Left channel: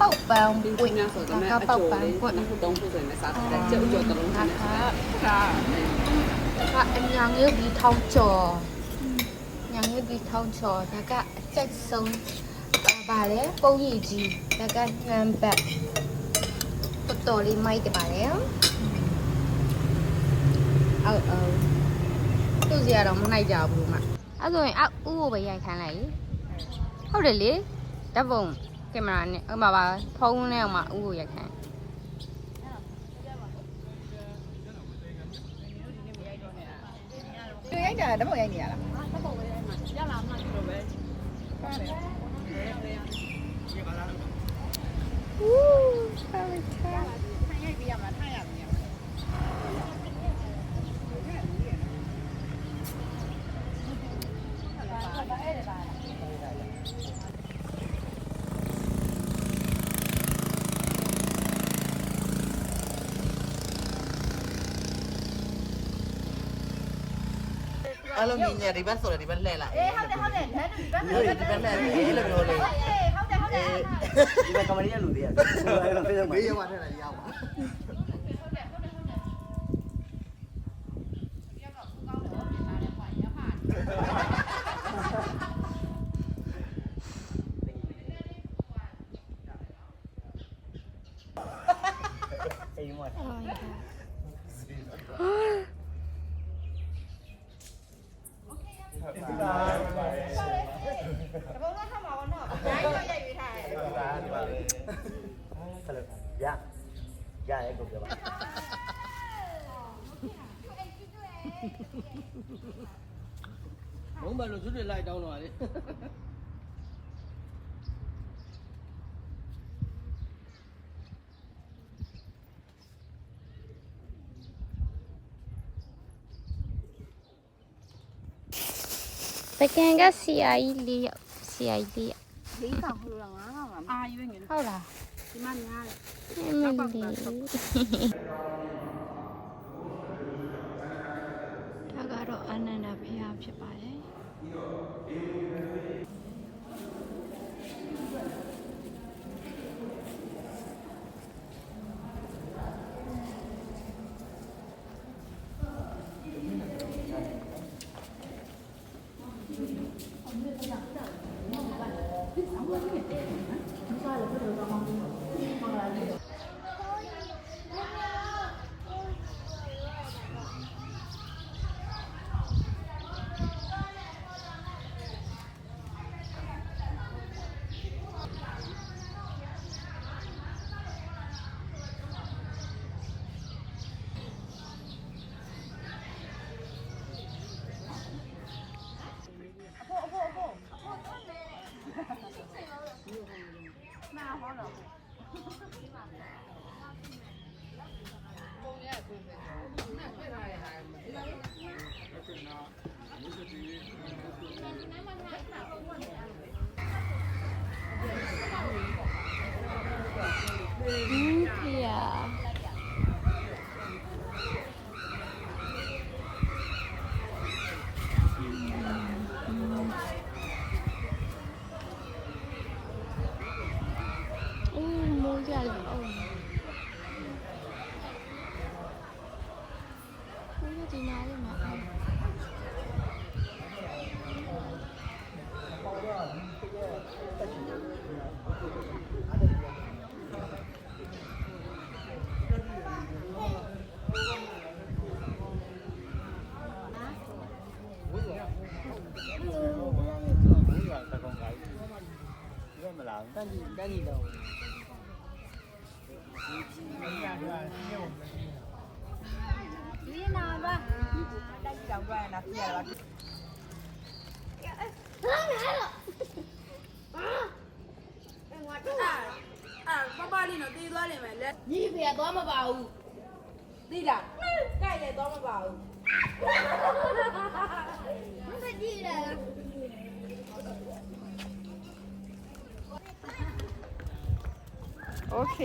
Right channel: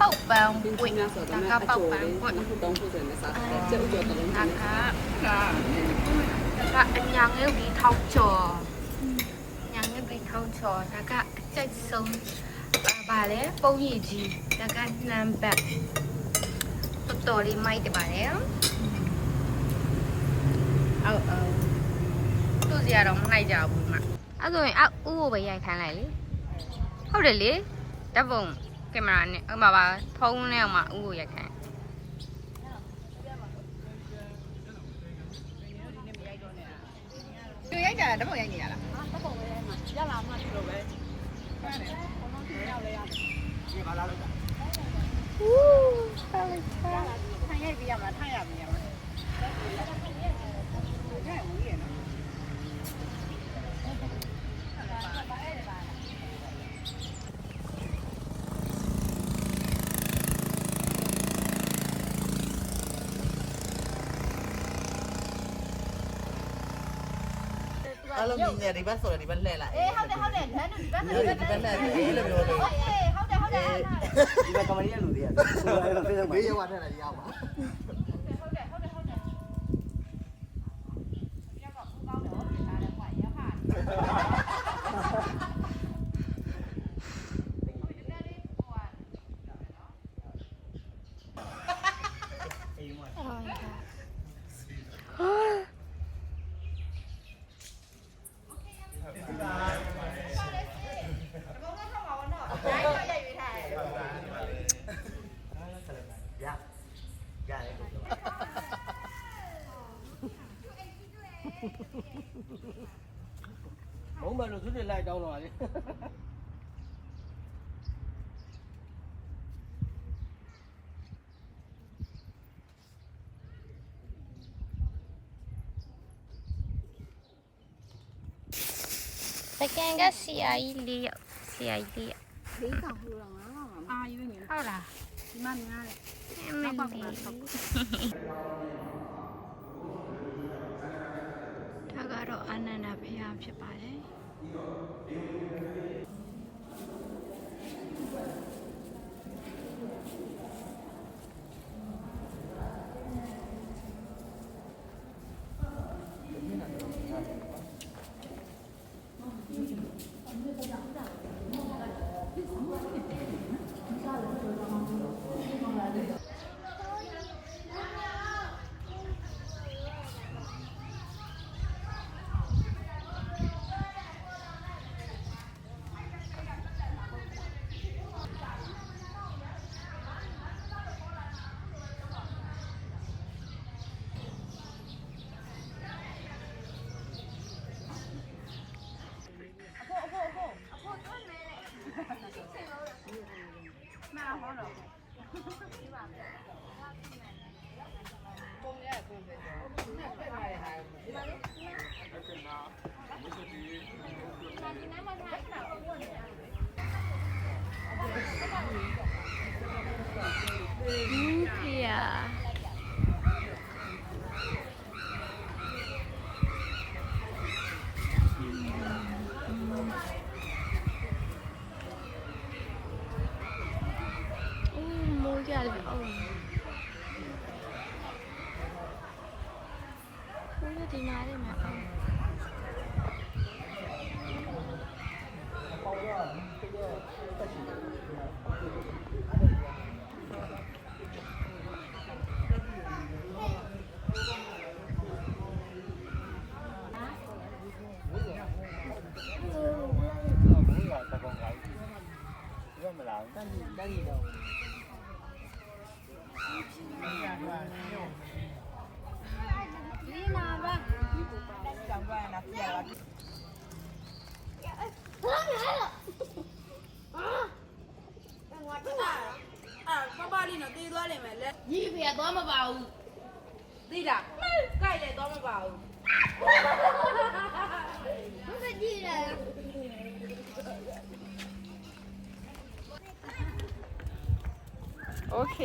ပေါက်ပန်းပွင့်ဒါကပေါက်ပန်းပွင့်တုံးဖို့ဆိုရင်စားတယ်ကျုပ်ကျော်တုံးဒါကအညာငယ်ပြီးထောက်ကျော်ညာငယ်ပြီးထောက်ကျော်ဒါကအချက်ဆုံးပါလေပုံရည်ကြီးဒါကနံပါတ်တော်လေးမိုက်တယ်ပါလေအော်သူ့စီကတော့မနိုင်ကြဘူးမအဲ့ဆိုရင်ဥကိုပဲရိုက်ခိုင်းလိုက်လေဟုတ်တယ်လေဓာတ်ပုံကင်မရာနဲ့ဥမာပါဖုန်းနဲ့ဥမာဥကိုရိုက်ခိုင်းသူရိုက်ကြတယ်ဓာတ်ပုံရိုက်နေရလားဓာတ်ပုံပဲရိုက်မှာရလာမှဒီလိုပဲထားလိုက်ထားထိုင်ရိုက်ပြရမှာထားရမှာအဲ့လိုမြင်ရဒီဘက်ဆိုတယ်ဒီဘက်လှည့်လိုက်ဟုတ်တယ်ဒီဘက်လှည့်အေးလို့ပြောလို့ဒီဘက်ကမရီးရလူတွေကဆိုရတော့ဖေးတော့မေးရပါထက်လာရပါရတယ်ကိုပြောပါဘုံဘယ်လိုသူတွေလိုက်တောင်းတော့လေတကယ်ကဆရာကြီးလေးယောက်ဆရာကြီးလေးယောက်၄ကောင်ဟိုတော့၅ကောင်အာရွေးနေဟုတ်လားဒီမှာငါးမင်းဒီဒါကတော့အနန္ဒဖျားဖြစ်ပါတယ်ဒီမှာလေးမှာဒီနာပါတိုက်ကြောင်သွားနာပြရတာပါလေးနော်တေးသွားတယ်မယ်လက်ညီဖေသွားမပါဘူးသိလားကြိုက်တယ်သွားမပါဘူးမကြည့်ရโอเค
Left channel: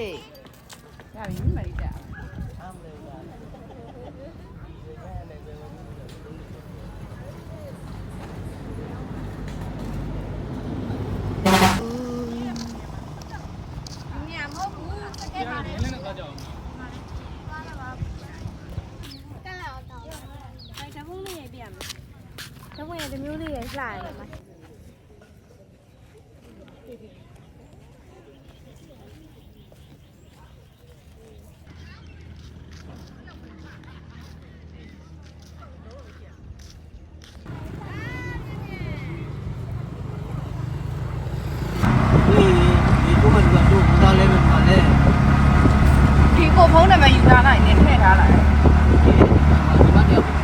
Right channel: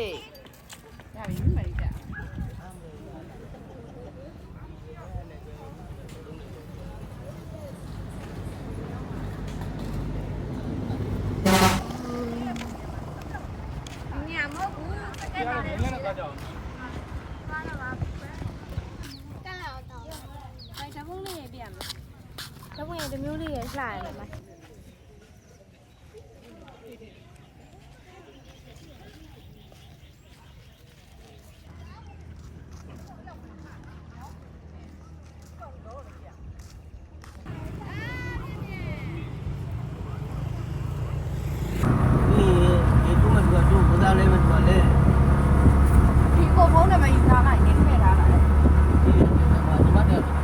ရပြီမရိတာ ရမယ်တော့ဝင်တမျိုးလေးရလှရတယ် ဒီတို့မှတို့ဘုရားလဲမှလဲ ဒီကိုဖုန်းနံပါတ်ယူထားလိုက်နဲ့ထည့်ထားလိုက် ဒီမှာတယောက်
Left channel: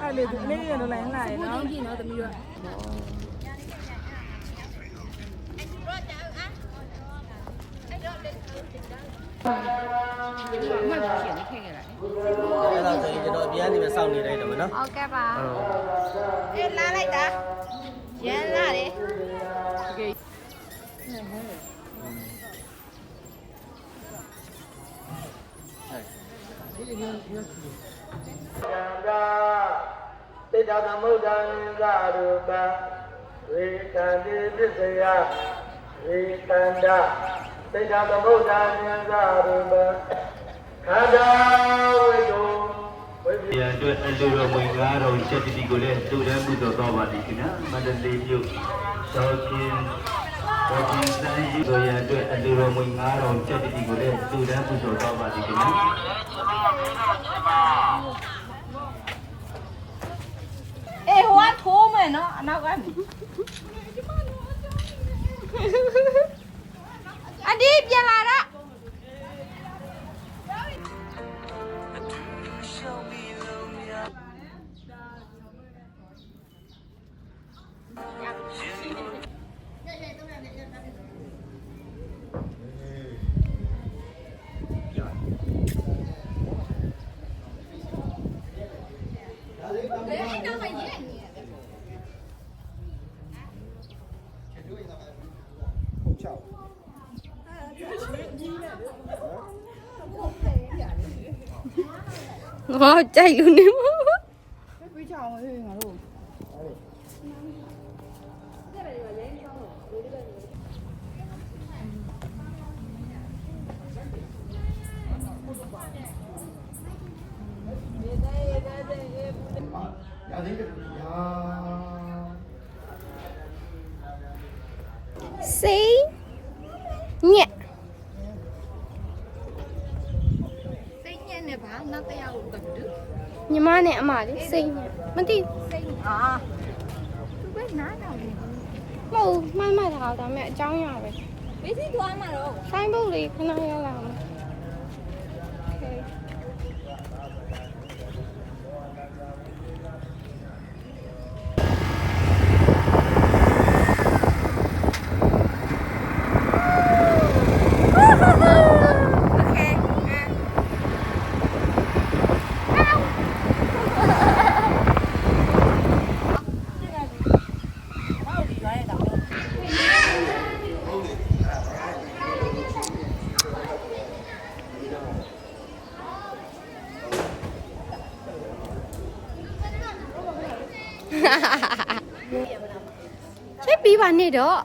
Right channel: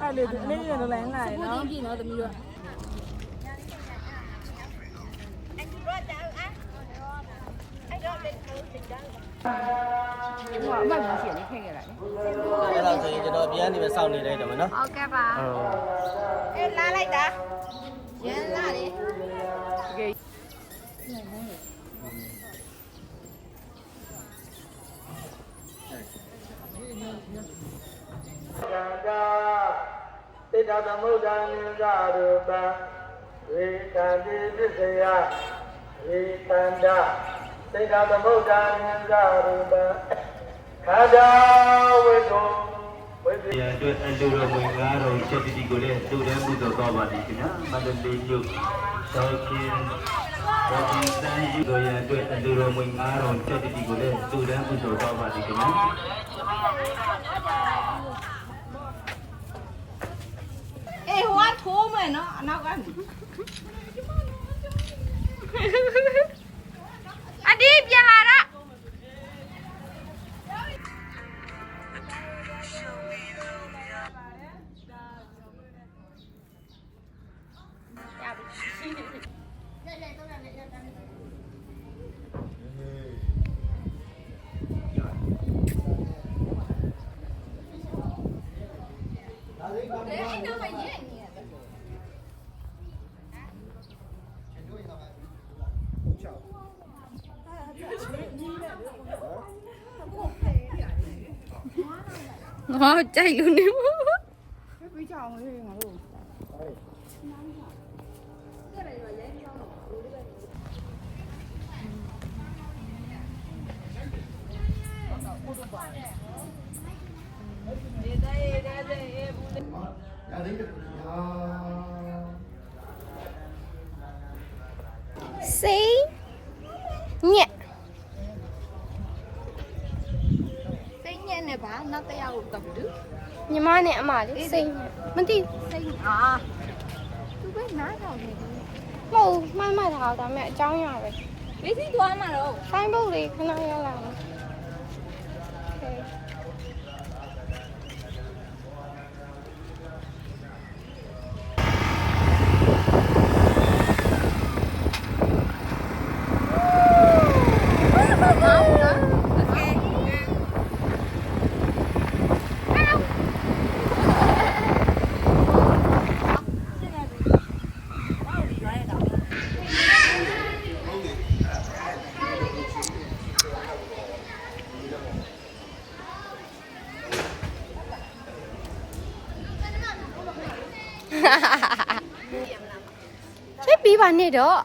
အဲ့လေဒီလေးရတော့လည်းငါရနော် ပြင်တော့သမီးတို့ အဲ့ဒါဆိုရင်ကျွန်တော်ပြန်နေပဲစောင့်နေလိုက်တယ်မနော် ဟုတ်ကဲ့ပါ အေးလာလိုက်တာရမ်းလာတယ် တိတ္တသမုဒ္ဒနိသရူပံဝေတံတိပစ္စယဝေတန္တတိတ္တသမုဒ္ဒနိသရူပံခန္ဓာဝိတုဝိပယအတွက်အလူတော်ဝင်ကားတော်ချက်တိကိုလည်းလူတန်းမှုတော်တော်ပါသည်ခင်ဗျာမန္တလေးမြို့သောချင်းဘောကြီးစံရီတို့ရအတွက်အလူတော်ဝင်ကားတော်ချက်တိကိုလည်းလူတန်းမှုတော်တော်ပါသည်ခင်ဗျာ အေးဟိုကထိုးမယ်နော်အနောက်က အဒီပြန်လာတော့ငါကြိုက်လို့နေမ စိတ်ညက် စိတ်ညက်နေပါနောက်တရားကိုကပ်တူ ညီမနဲ့အမလေးစိတ်ညက်မသိ စိတ်အာသူပဲနားတာဘူး ဘူးမဟုတ်မှန်တာဒါပေမဲ့အကြောင်းရပဲ အေးစီသွားမှာတော့ ဆိုင်းဘုတ်လေးခဏရောက်လာမယ်โอเค ချစ်ပြီးပါနဲ့တော့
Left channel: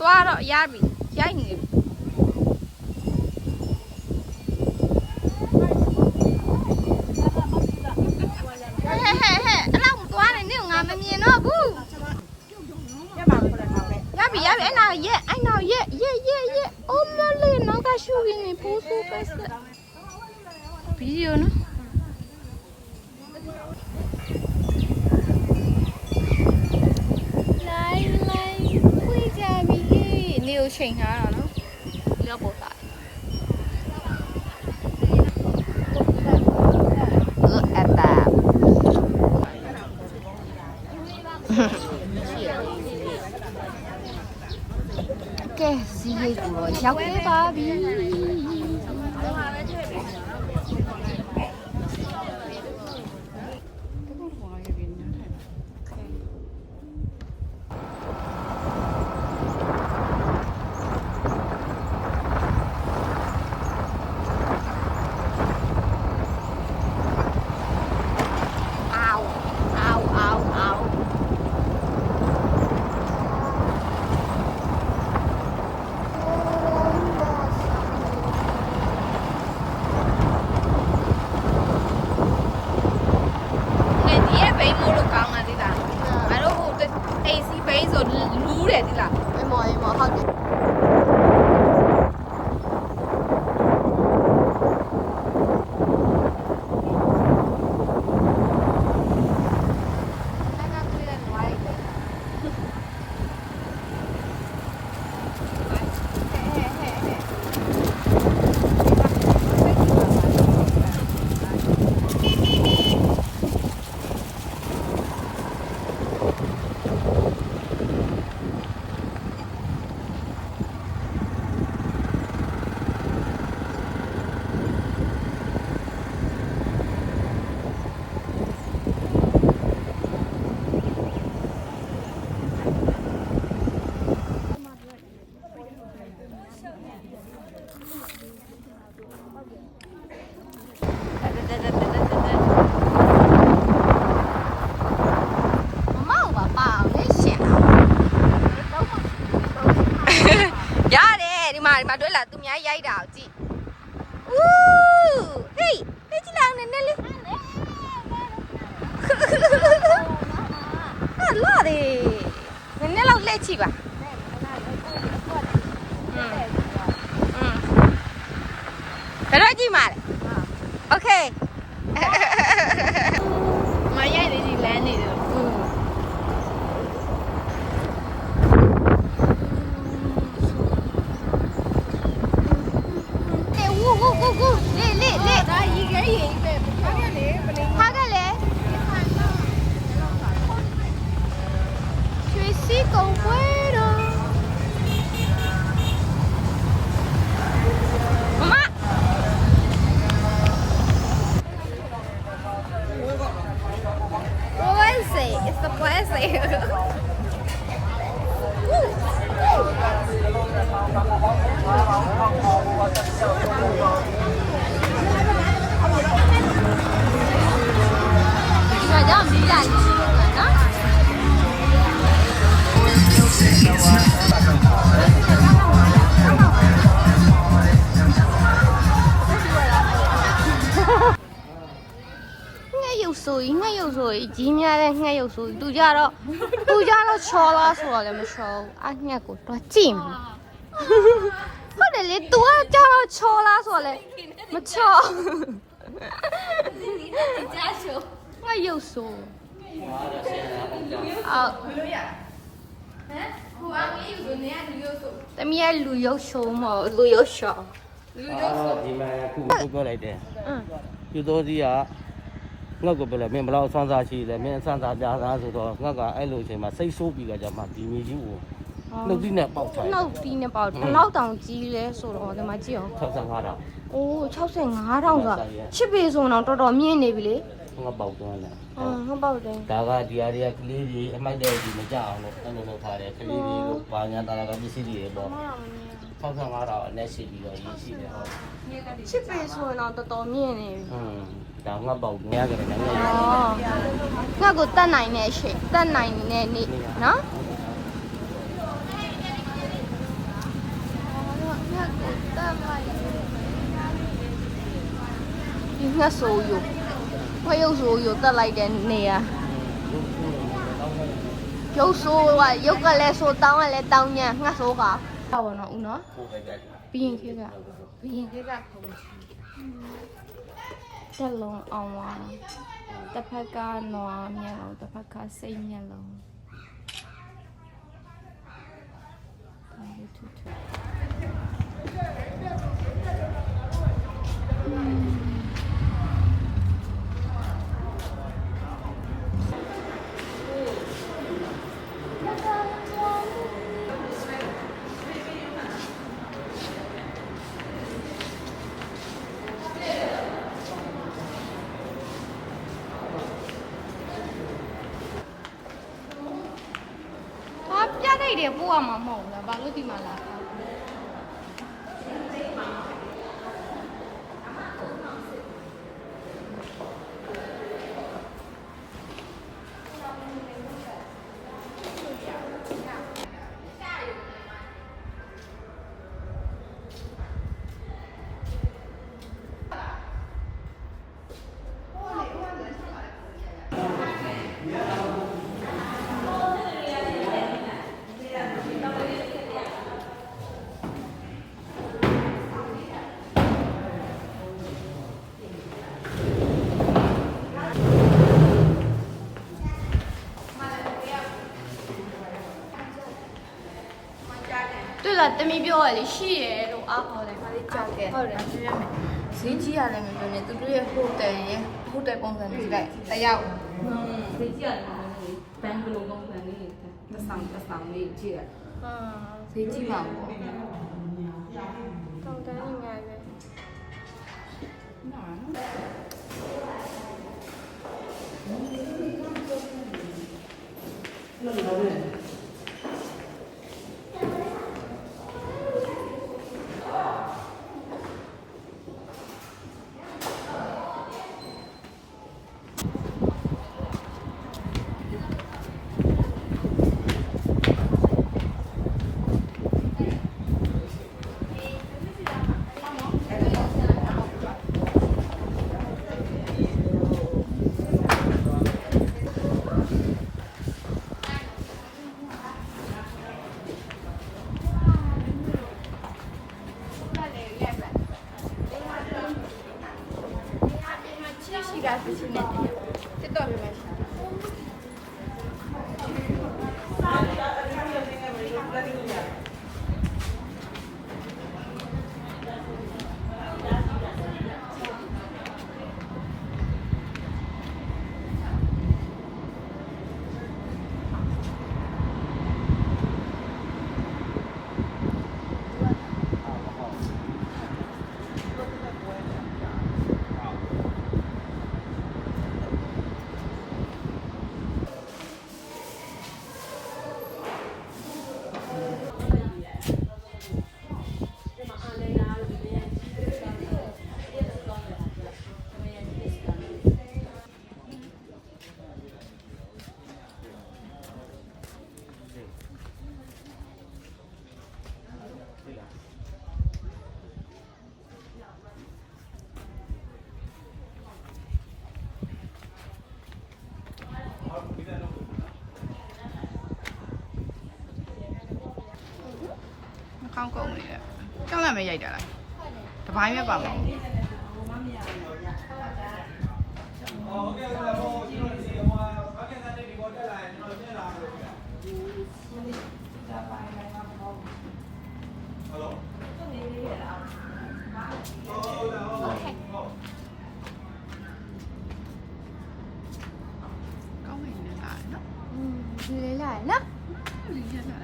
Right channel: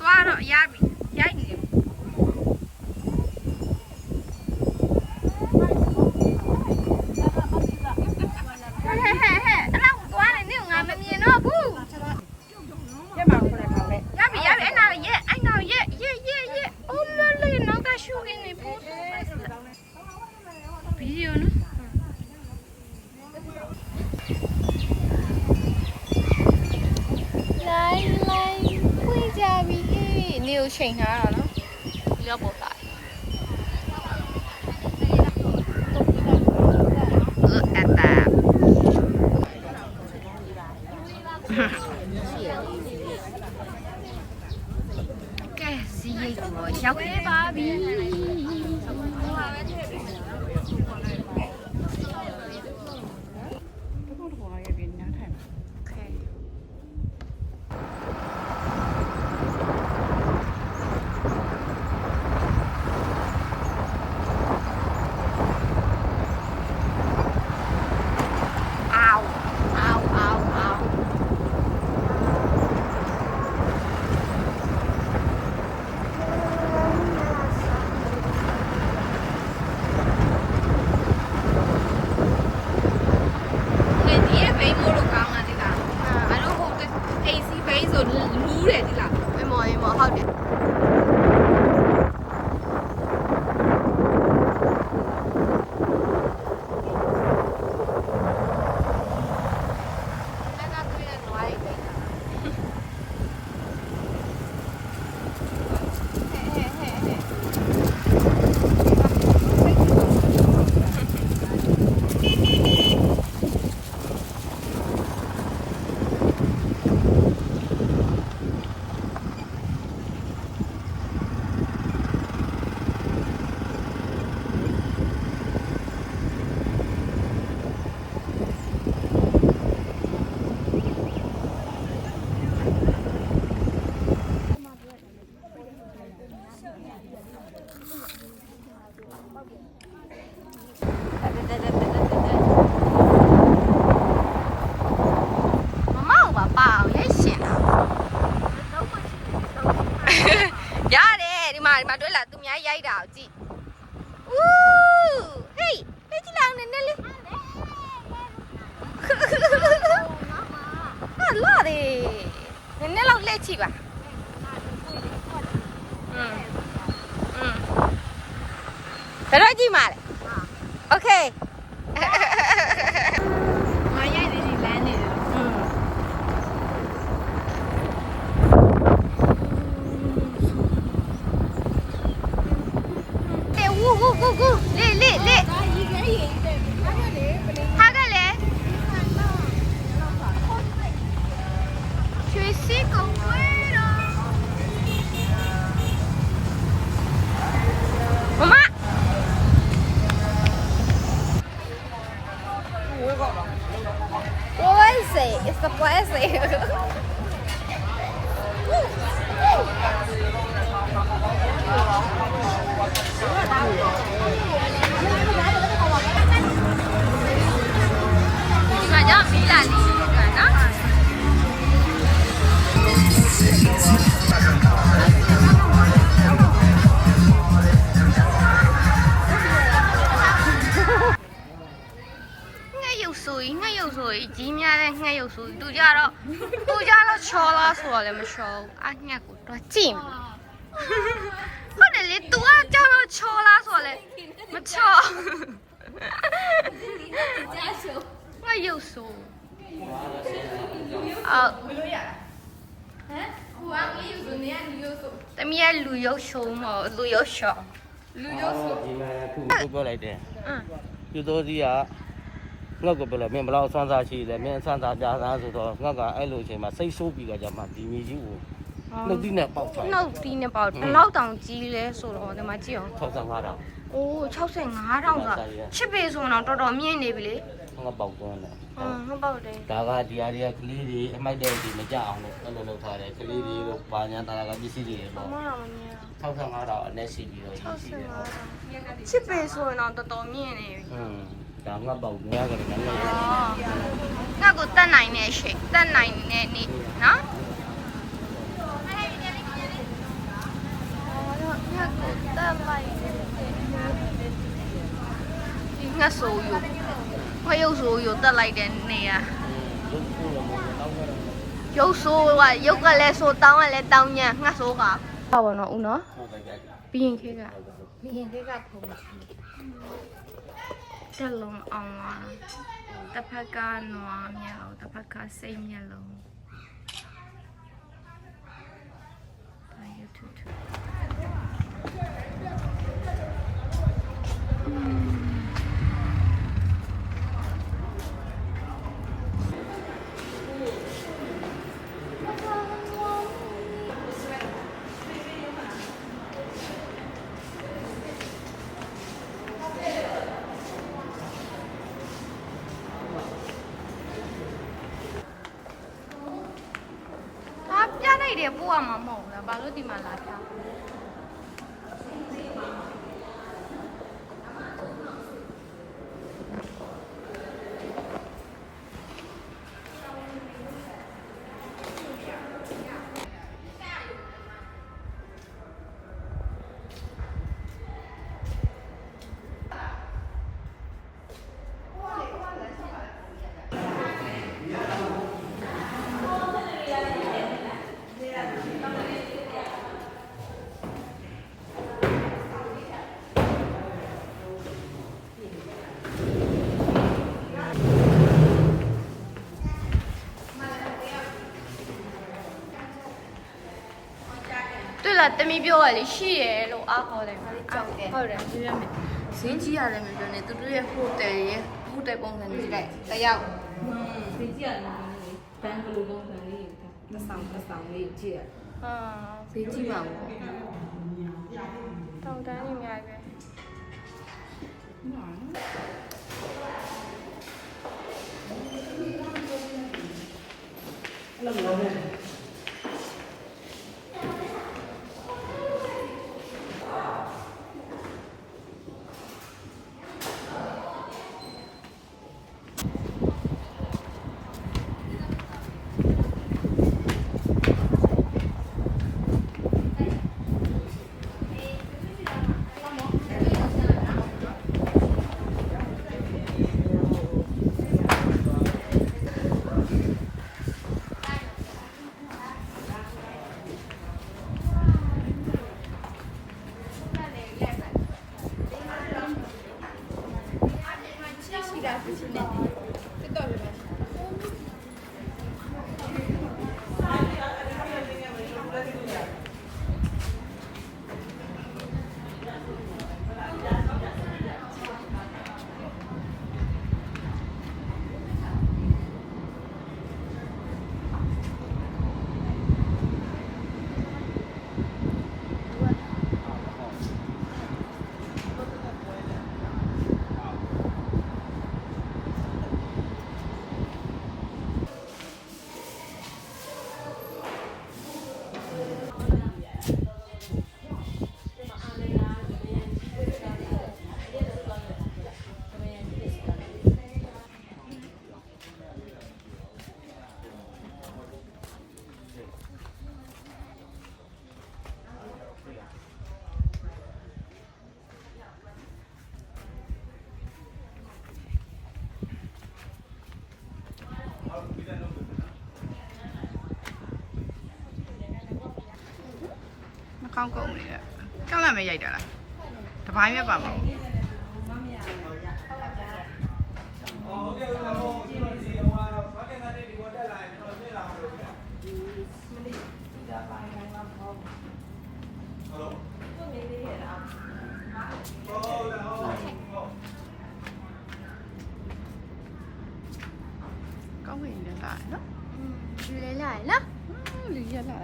သွားတော့ရပြီရိုက်နေပြီအဲ့လောက်သွားနေနေငါမမြင်တော့ဘူးရပြီအဲ့နာရဲ့အိုမလေးနောက်ကရှူရင်းနေပို့ပို့ပဲဗီဒီယိုနော် ကိုချိန်ထားတာနော်ဒီတော့ပို့တာအဲ့ဒါကဲစီးလေးကိုရောက်နေပါပြီဒီမှာတွေ့လားသူများရိုက်တာကိုကြည့်ဦးဟေးလက်ကြည့်လိုက်နဲ့လေးဟာလာတယ်နည်းနည်းလောက်လက်ကြည့်ပါဒါတော့ကြည့်ပါလေโอเคငါရိုက်နေဒီလမ်းနေတယ်It's the blessing. 这叫米兰鸡呢？ငှက်ရုပ်ဆိုကြီးများတဲ့ငှက်ရုပ်ဆိုသူကြတော့ချောလားဆိုတော့လည်းမချောဘူးအငှက်ကိုတော့ကြည့်ဟုတ်တယ်လေ तू ကကြတော့ချောလားဆိုတော့လည်းမချောငှက်ရုပ်ဆိုတမီးကလူရုပ်ဆိုမလူရုပ်ဆိုဒီမှာခုပြောလိုက်တယ်သူတို့ကြီးကငှက်ကိုပြောလိုက်မင်းဘယ်လောက်ဆွမ်းစားရှိလဲမင်းဆွမ်းစားကြသားဆိုတော့ငှက်ကအဲ့လိုအချိန်မှာစိတ်ဆိုးပြီးကြမှာဒီမီကြီးကိုနှုတ်သီးနဲ့ပေါက်ချတယ်နှုတ်သီးနဲ့ပေါက်ဘယ်လောက်တောင်ကြီးလဲဆိုတော့ဒီမှာကြည့်အောင်65,000အိုး65,000ဆိုတာချစ်ပေဆိုတော့တော်တော်မြင့်နေပြီလေငှက်ပေါက်သွားတယ်ငှက်ပေါက်တယ်ဒါကဒီအရာကလေးတွေအမိုက်တဲ့ဒီမကြအောင်လို့အဲ့လိုလုပ်ထားတယ်ကလေးတွေကိုပါညာတာကပစ္စည်းတွေပေါ့65,000အနည်းရှိပြီးတော့ရှိတယ်ဟုတ်ချစ်ပေဆိုတော့တော်တော်မြင့်နေပြီဒါငှက်ပေါက်များကြတယ်နော်ငှက်ကိုတတ်နိုင်တဲ့အချိန်တတ်နိုင်တဲ့နေ့နော်ငှက်ကိုတတ်လိုက်ဒီငှက်ဆိုယူခွဲရုပ်ဆိုယူတတ်လိုက်တဲ့နေရာရုပ်ဆိုကရုပ်ကလည်းဆိုတောင်းကလည်းတောင်းညံငှက်ဆိုကပါဘောနော်ဦးနော်ပြီးရင်ခေကတက်လုံးအောင်ပါတစ်ဖက်ကနွားမျက်လုံးတစ်ဖက်ကစိတ်မျက်လုံးဒါ YouTube ဟာပြလိုက်တယ်ပို့ရမှာမဟုတ်ဘူးလားဘာလို့ဒီမှာလာတာ对了တမီပြောရလေရှိရလို့အားခေါ်တယ်ကြောက်တယ်ဟုတ်တယ်ဇင်းကြီးရတယ်ငါလည်းသူတို့ရဲ့ဟိုတယ်ရဲ့ဟိုတယ်ပုံစံလေးလိုက်တယောက် ဖေးကြည့်ရတယ်ဘန်ကလိုပုံစံလေးတစ်ဆောင်လေးကြည့်ရ ဟာ ဖေးကြည့်ပါဦး တောင်းတန်းနေရတယ် မှာနော် ရှိတာဖြစ်နေတယ်တက်တော့ပြန်ရှာကောင်းကုန်နေတယ်ကြောက်လက်မရိုက်တာလားတပိုင်းပဲပါမအောင်ကောင်းနေတယ်လားနော် ဒီလေးလာနော် ဒီရတာ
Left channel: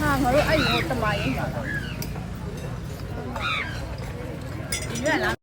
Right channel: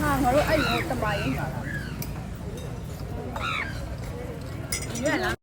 ဟာငါတို့အဲ့လိုတမရင်လာတာ ဒီရလား